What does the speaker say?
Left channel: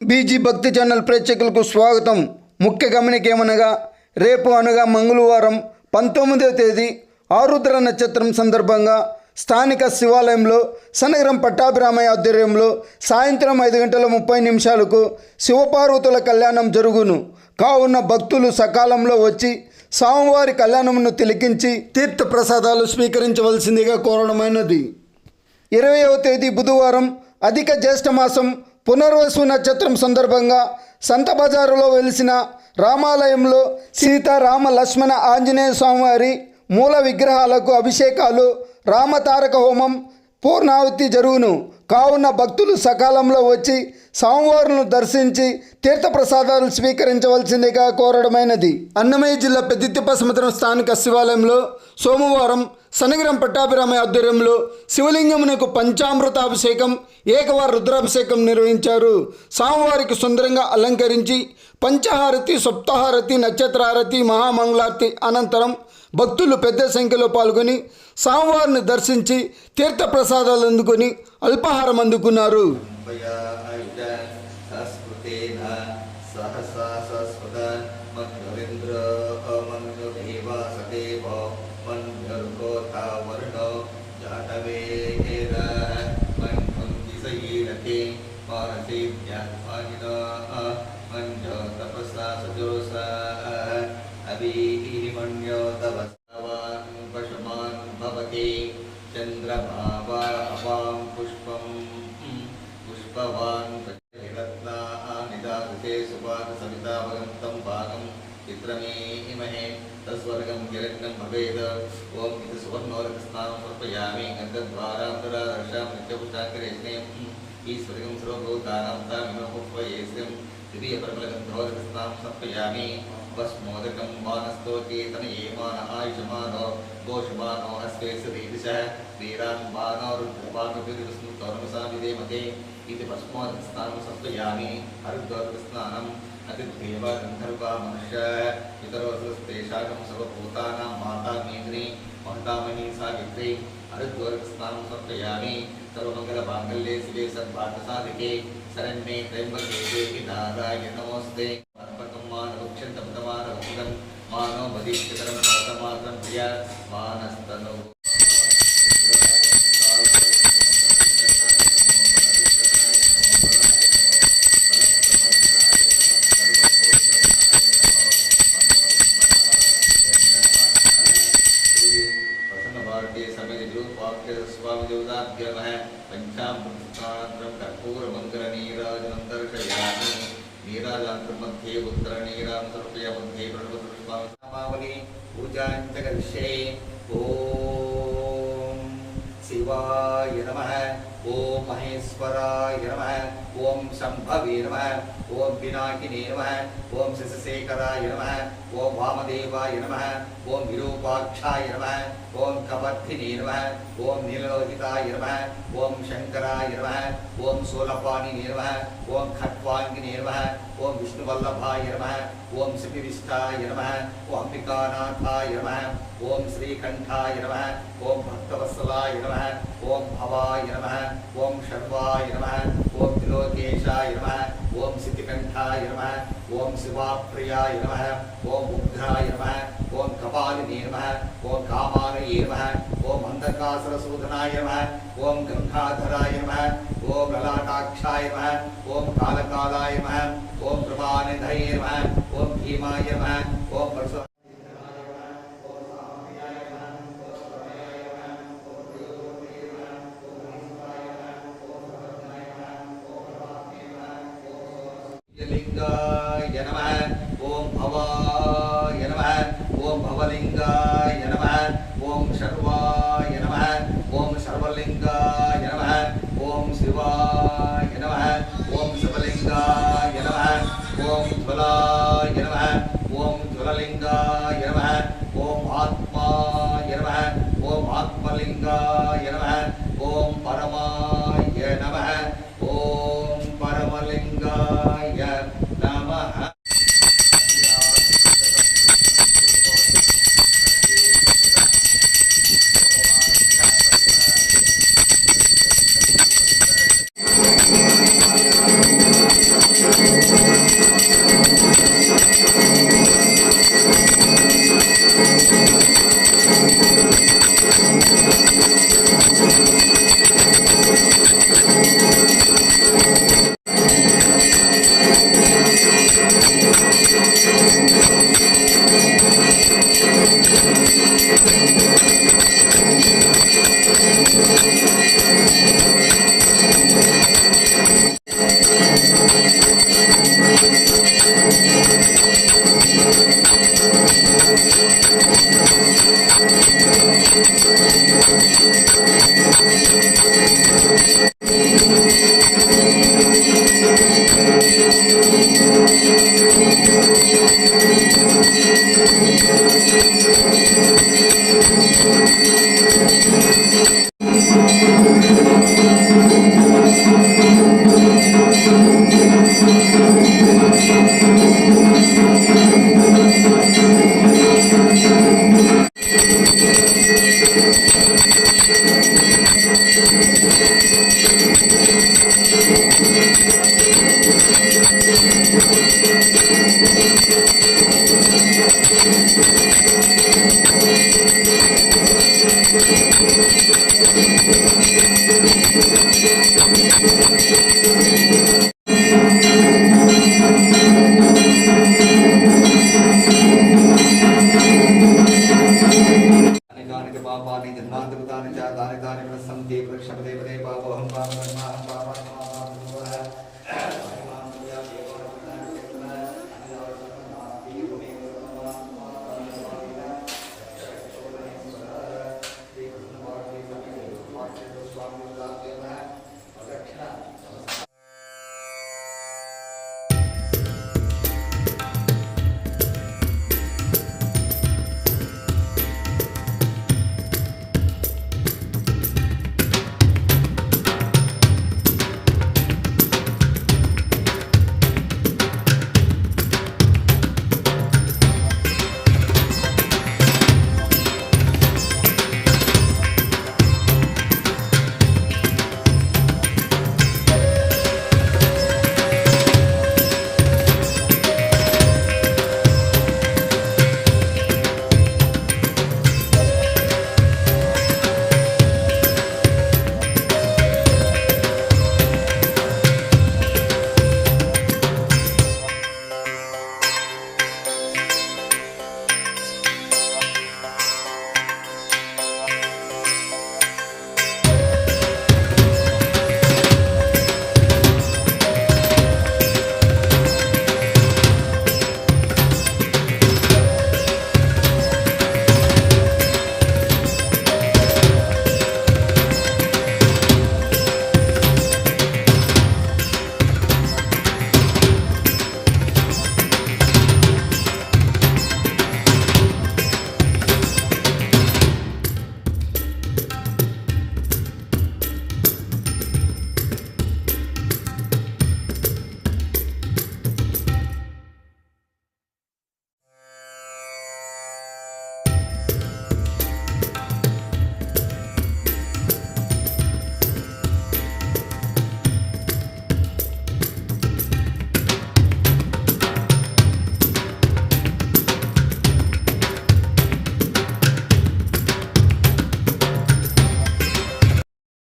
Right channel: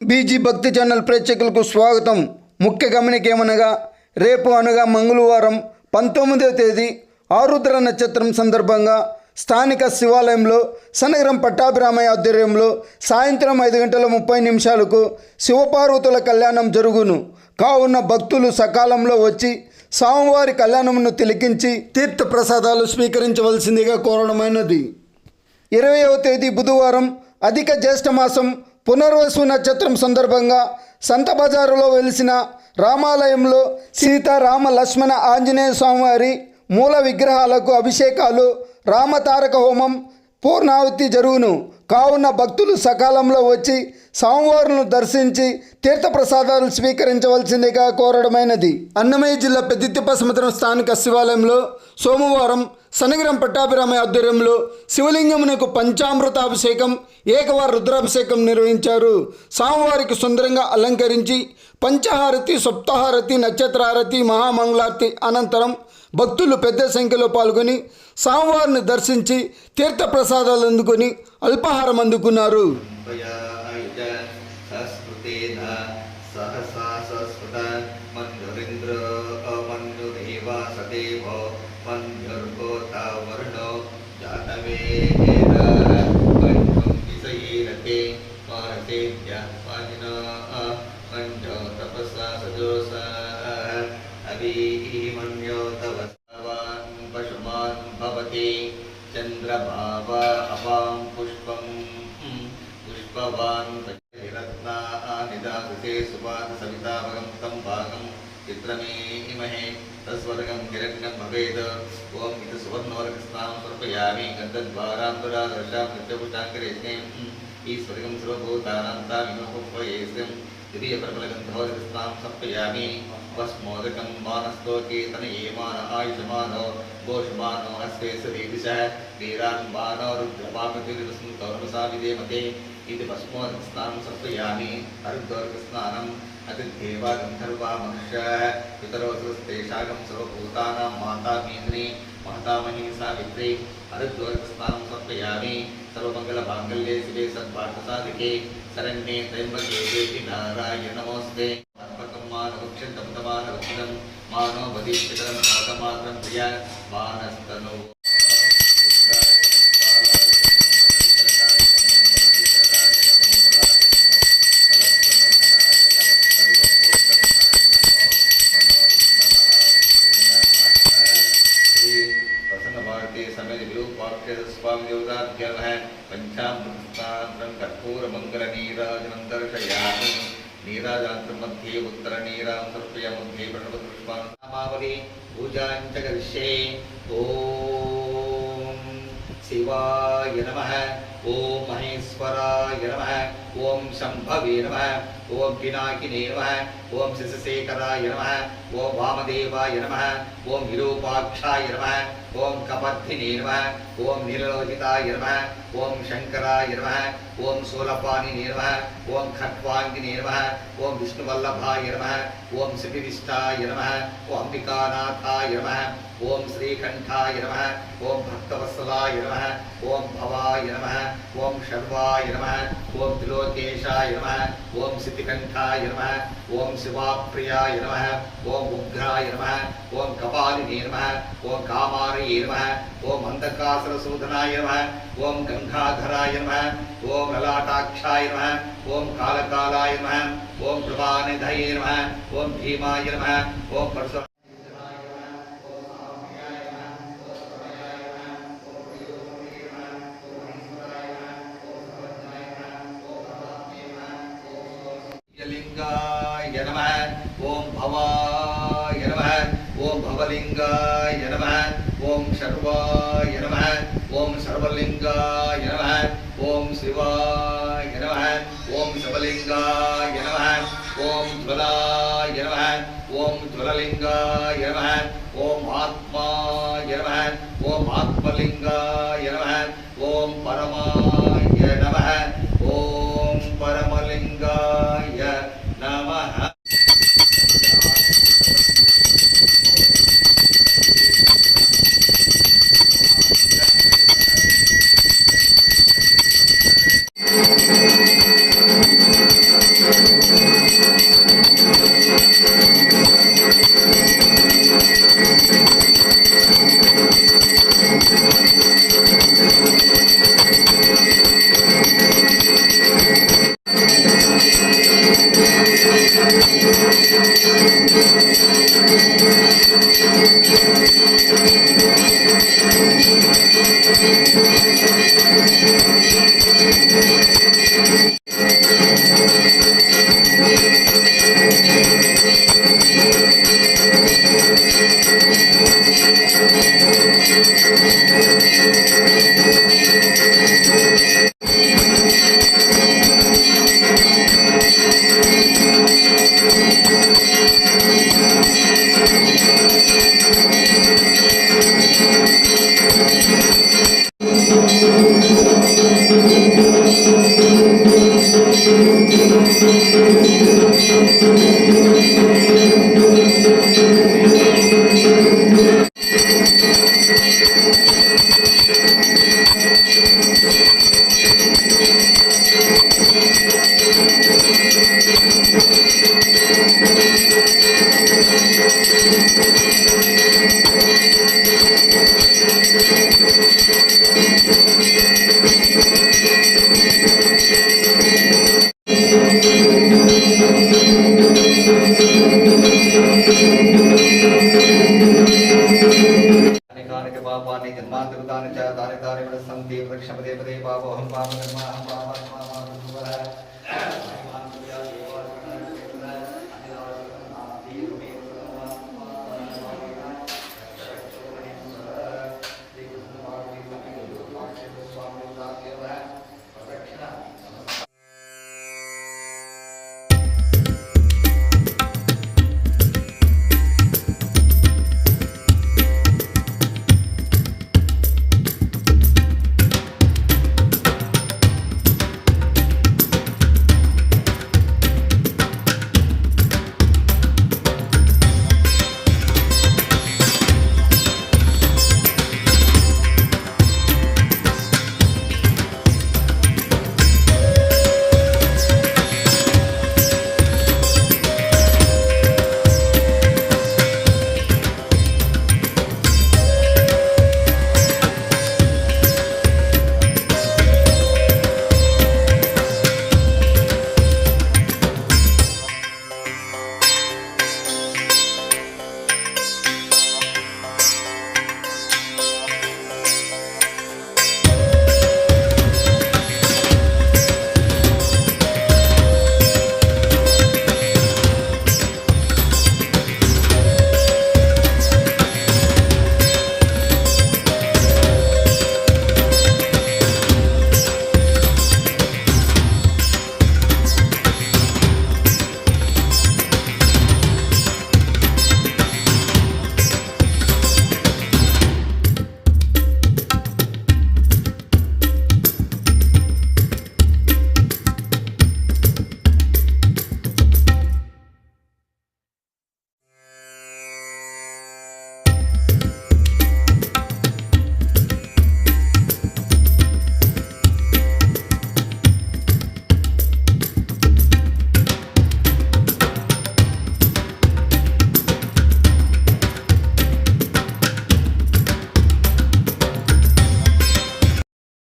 BG భక్తి channel ప్రేక్షకులకు స్వాగతం. ముఖ్య గమనిక ఏమనగా రేపు అనగా మంగళవారం 19వ తేదీ ఆరుద్ర నక్షత్రం సందర్భంగా స్థానిక శివాలయంలో సనగరం పట్టాభిరామయ్య ఆధ్వర్యంలో సాయంత్రం 5:30 శివపార్వతుల కళ్యాణం జరుగును. కావున భక్తులు సకాలంలో వచ్చి స్వామివారి కళ్యాణమును తిలకించి తీర్థ ప్రసాదాలు స్వీకరించవలసిందిగా కోరడమైనది. 20వ తేదీ బుధవారం అధిక జ్యేష్ఠమాసం పునర్వసు నక్షత్రం సందర్భంగా సంత బజారులో వెలిసిన రామాలయంలో సీతారామ లక్ష్మణ ఆంజనేయ స్వామివారి మూల విగ్రహాలకు అభిషేకాలు, రామతారక హోమం, పూర్ణాహుతి జరుగును. కావున భక్తులు సకాలంలో వచ్చి స్వామివారులను దర్శించి తీర్థప్రసాదాలు స్వీకరించవలసిందిగా కోరడమైనది. అన్నమయ్య జిల్లా పెద్దితిప్ప సముద్రం స్థానిక శివాలయంలో సోమవారం సనగరం పట్టాభిరామయ్య ఆధ్వర్యంలో శివలింగమునకు పంచామృతాభిషేకం, ఏకవార రుద్రాభిషేకం నిర్వహించారు. స్వామివారికి సుందరంగా అలంకరించి పంచహారతి, సప్తహారతి, నక్షత్రహారతి, మహామంగళారతి అనంతరం భక్తులు పెద్ద సంఖ్యలో పాల్గొని స్వామివారిని దర్శించి తీర్థప్రసాదాలు అందుకొని అల్పాహారం అందుకున్నారు. चंद्रभावा अपां पुष्पं पुष्पवान् रत्ना निदाते सुपाद सविता भगं तं भागं चित्रमेमहे तस्वर्गं हिरण्यं भवेद ओम इत सुवर्णोरस्नानं समर्पयामि गन्धद्वारान्तरादर्शां नित्यपुष्टाङ्गरेष्णे ईश्वरगं सर्वभूतानां तामिमोपयेस्यं दिव्यपरमलगन्धोरस्नानं समर्पयामि भस्मोदकं मानस्तोकेतनयेमान आयुषमानो गोषमानो अस्तेसरीदिशः वीरान्मानो रुद्रपार्वतीर्वसन्तोर्वसाविदेमते इति भस्मोदकस्नानं समर्पयामि हरिद्वारस्नानम् अतिथेवा गन्धर्वा मनुष्याः पितरोस्तेषागं सर्वभूतानां माता मेन्द्री मातामही सावित्री हरिद्वारस्नानं समर्पयामि सर्वमङ्गलमाङ्गल्ये शिवे सर्वार्थसाधिके शरण्ये त्र्यम्बके देवी नारायणे नमोऽस्ते मानो बदीश्वरं पादमात्रं प्रिया मानस्तनो भारतीय समय स्वामी देवताभ्यः पंचामृतांत्रं कर्पूरमङ्गलनीराजनं दर्शयामि. नीराजान्तं मध्ये उत्तरनीरां समर्पया मध्ये प्रणवपुष्पान् नामावली पूजां च करिष्ये. ॐ शिवाय नमः, ॐ महेश्वराय नमः, ॐ शम्भवे नमः, ॐ पिनाकिने नमः, ॐ शिशशेखराय नमः, ॐ वामदेवाय नमः, ॐ विरूपाक्षाय नमः, ॐ कपर्धिने नमः, ॐ नीललोहिताय नमः, ॐ शङ्कराय नमः, ॐ शूलपाणिने नमः, ॐ खट्वाङ्गिने नमः, ॐ विष्णुवल्लभाय नमः, ॐ श्रीविष्टाय नमः, ॐ अंबिकानाथाय नमः, ॐ श्रीकण्ठाय नमः, ॐ भक्तवत्सलाय नमः, ॐ भवाय नमः, ॐ शर्वाय नमः, ॐ त्रिलोकेशाय नमः, ॐ सिद्धिकण्ठाय नमः, ॐ शिवाप्रियाय नमः, ॐ उग्राय नमः, ॐ कपालिने नमः, ॐ कामारये नमः, ॐ अन्धकासुरसूदनाय नमः, ॐ गंगाधराय नमः, ॐ ललाटाक्षाय नमः, ॐ कालकालाय नमः, ॐ कृपानिधये नमः, ॐ भीमाय नमः, ॐ परशु लिंगाय नमः, ओम भवाय नमः, ओम भवलिंगाय नमः, ओम शर्वाय नमः, ओम सर्वलिंगाय नमः, ओम शिवाय नमः, ओम शिवलिंगाय नमः, ओम ज्वलाय नमः, ओम ज्वललिंगाय नमः, ओम आत्माय नमः, ओम आत्मलिंगाय नमः, ओम परमाय नमः, ओम परमलिंगाय नमः. అనేకానికి పాపాన్ని జన్మాంతృతాన్ని చ తాని తాని సంతి వృక్షపదే